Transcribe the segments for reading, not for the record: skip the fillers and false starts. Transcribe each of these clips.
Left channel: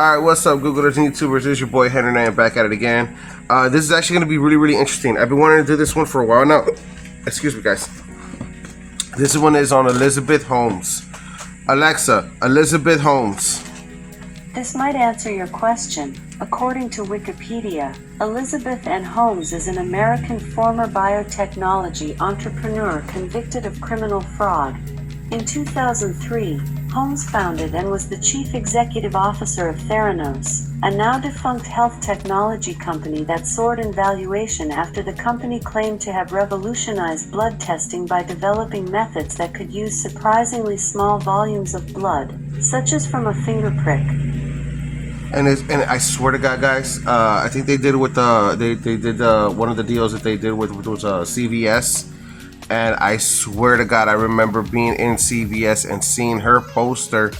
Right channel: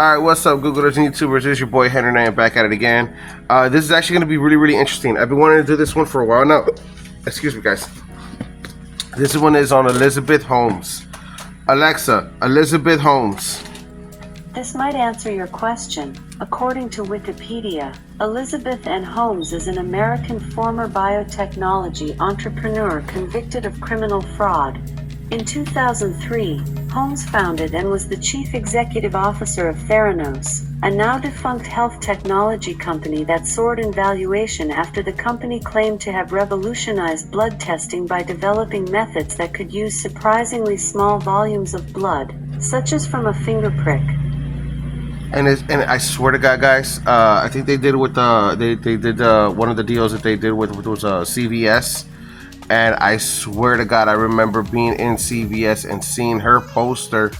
Alright, what's up, Googlers and YouTubers? It's your boy Henry, and I am back at it again. This is actually going to be really interesting. I've been wanting to do this one for a while now. Excuse me, guys. This one is on Elizabeth Holmes. Alexa, Elizabeth Holmes. This might answer your question. According to Wikipedia, Elizabeth N. Holmes is an American former biotechnology entrepreneur convicted of criminal fraud. In 2003, Holmes founded and was the chief executive officer of Theranos, a now-defunct health technology company that soared in valuation after the company claimed to have revolutionized blood testing by developing methods that could use surprisingly small volumes of blood, such as from a finger prick. And I swear to God, guys, I think they did with they did one of the deals that they did with was CVS. And I swear to God, I remember being in CVS and seeing her poster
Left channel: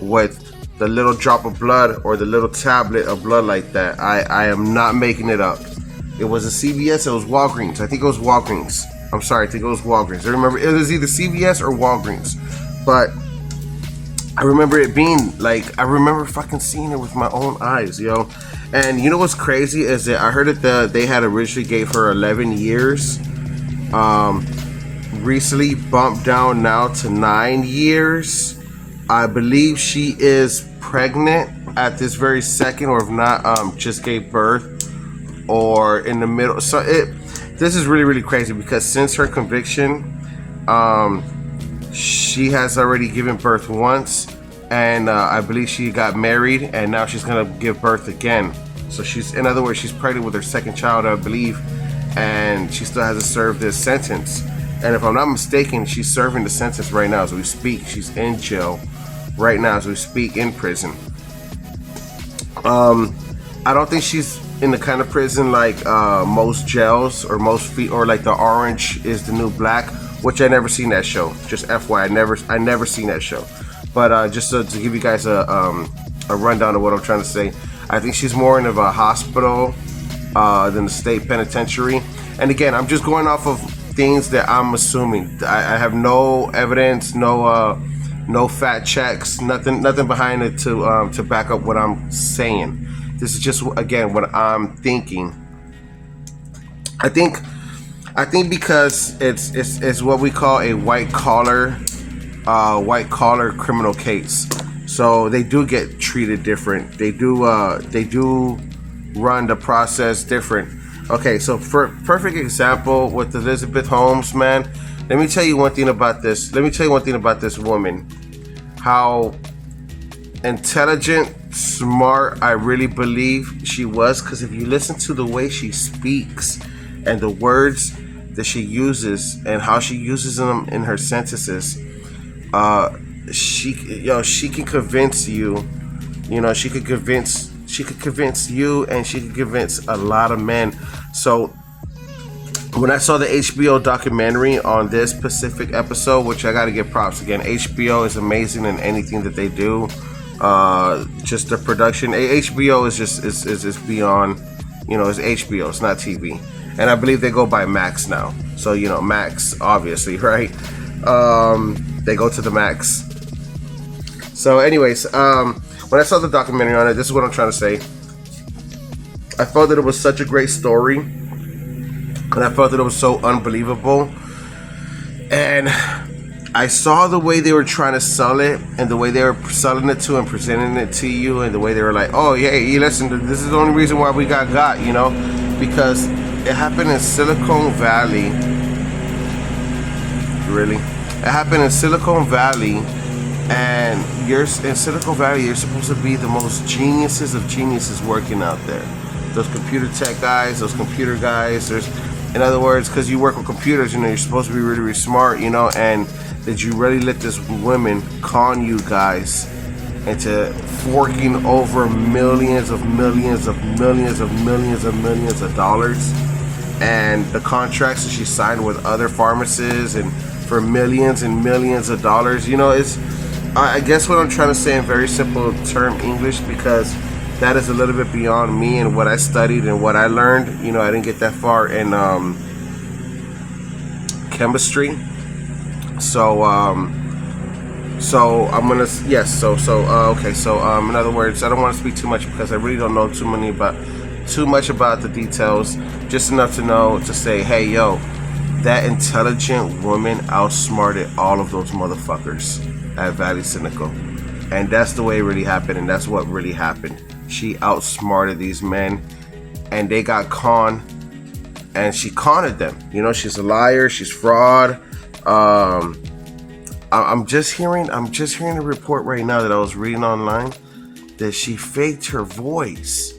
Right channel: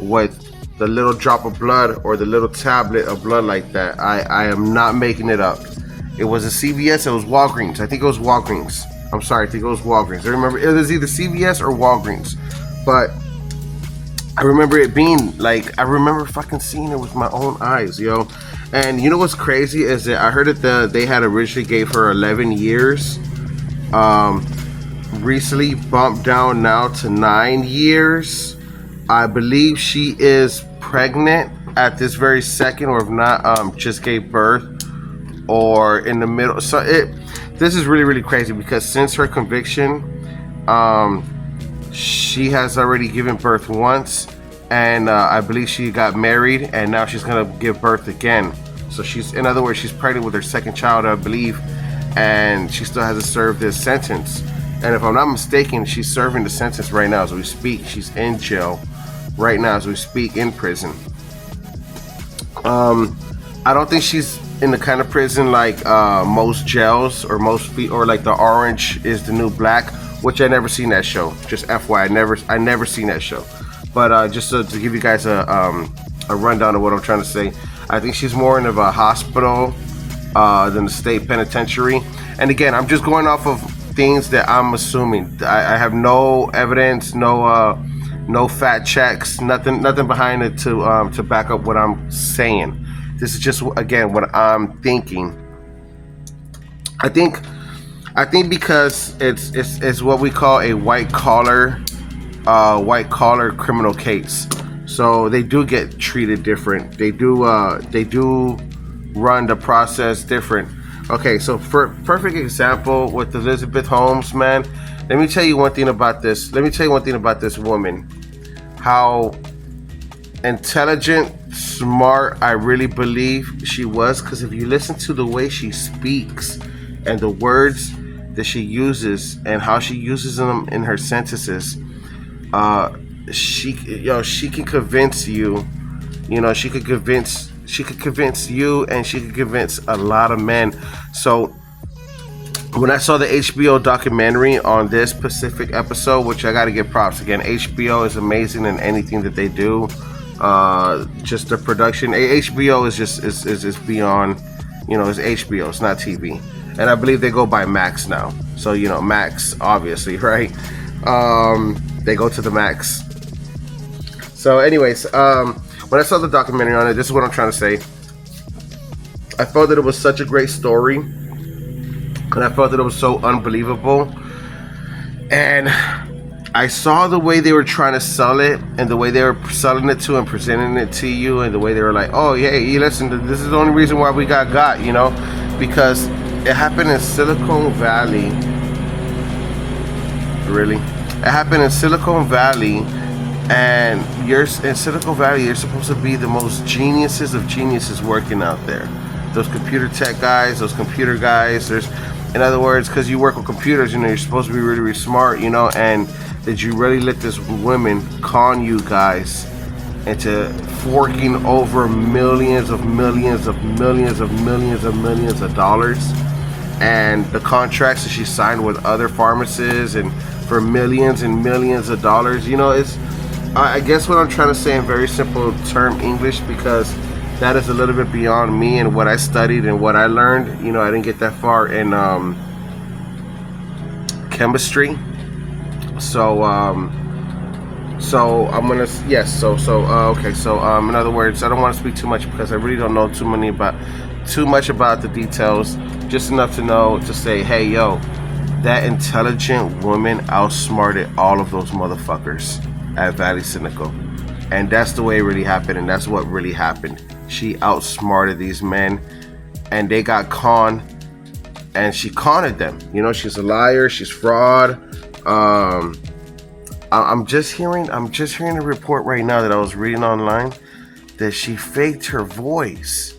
with the little drop of blood or the little tablet of blood like that. I am not making it up. It was a CVS, it was Walgreens. I think it was Walgreens. I'm sorry, I think it was Walgreens. I remember it was either CVS or Walgreens. But I remember it being like, I remember fucking seeing it with my own eyes, yo. And you know what's crazy is that I heard that they had originally gave her 11 years. Recently bumped down now to 9 years. I believe she is pregnant at this very second, or if not, just gave birth or in the middle. So this is really crazy because since her conviction, she has already given birth once, and I believe she got married, and now she's gonna give birth again. So she's, in other words, she's pregnant with her second child, I believe, and she still hasn't served this sentence. And if I'm not mistaken, she's serving the sentence right now as we speak. She's in jail right now as we speak, in prison. I don't think she's in the kind of prison like most jails or or like the Orange is the New Black, which I never seen that show. Just FYI, I never seen that show. But just to give you guys a rundown of what I'm trying to say, I think she's more in of a hospital than the state penitentiary. And again, I'm just going off of things that I'm assuming. I have no evidence, no fact checks, nothing behind it to back up what I'm saying. This is just, again, what I'm thinking. I think because it's what we call a white collar criminal case, so they do get treated different. They do run the process different. Okay, so for perfect example with Elizabeth Holmes, man, let me tell you one thing about this. Let me tell you one thing about this woman. How intelligent, smart, I really believe she was. Because if you listen to the way she speaks and the words that she uses and how she uses them in her sentences, she can convince you. You know, she could convince you, and she could convince a lot of men. So when I saw the HBO documentary on this specific episode, which I gotta give props again, HBO is amazing in anything that they do. Just the production, HBO is just beyond, you know, it's HBO, it's not TV. And I believe they go by Max now. So, you know, Max, obviously, right? They go to the Max. So anyways, when I saw the documentary on it, this is what I'm trying to say. I felt that it was such a great story, and I felt that it was so unbelievable. And I saw the way they were trying to sell it, and the way they were selling it to and presenting it to you, and the way they were like, "Oh yeah, you listen, this is the only reason why we got," you know, because it happened in Silicon Valley. Really, it happened in Silicon Valley. And in Silicon Valley, you're supposed to be the most geniuses of geniuses working out there. Those computer tech guys, those computer guys. In other words, because you work with computers, you know, you're supposed to be really smart, you know. And did you really let this woman con you guys into forking over millions of dollars? And the contracts that she signed with other pharmacists and for millions and millions of dollars, you know, I guess what I'm trying to say in very simple term English, because that is a little bit beyond me and what I studied and what I learned. You know, I didn't get that far in chemistry. So So I'm gonna yes. Okay. So in other words, I don't want to speak too much because I really don't know too much about the details. Just enough to know to say, hey, yo, that intelligent woman outsmarted all of those motherfuckers at Valley Cynical, and that's the way it really happened, and that's what really happened. She outsmarted these men, and they got conned, and she conned them. You know, she's a liar. She's fraud. I'm just hearing a report right now that I was reading online that she faked her voice.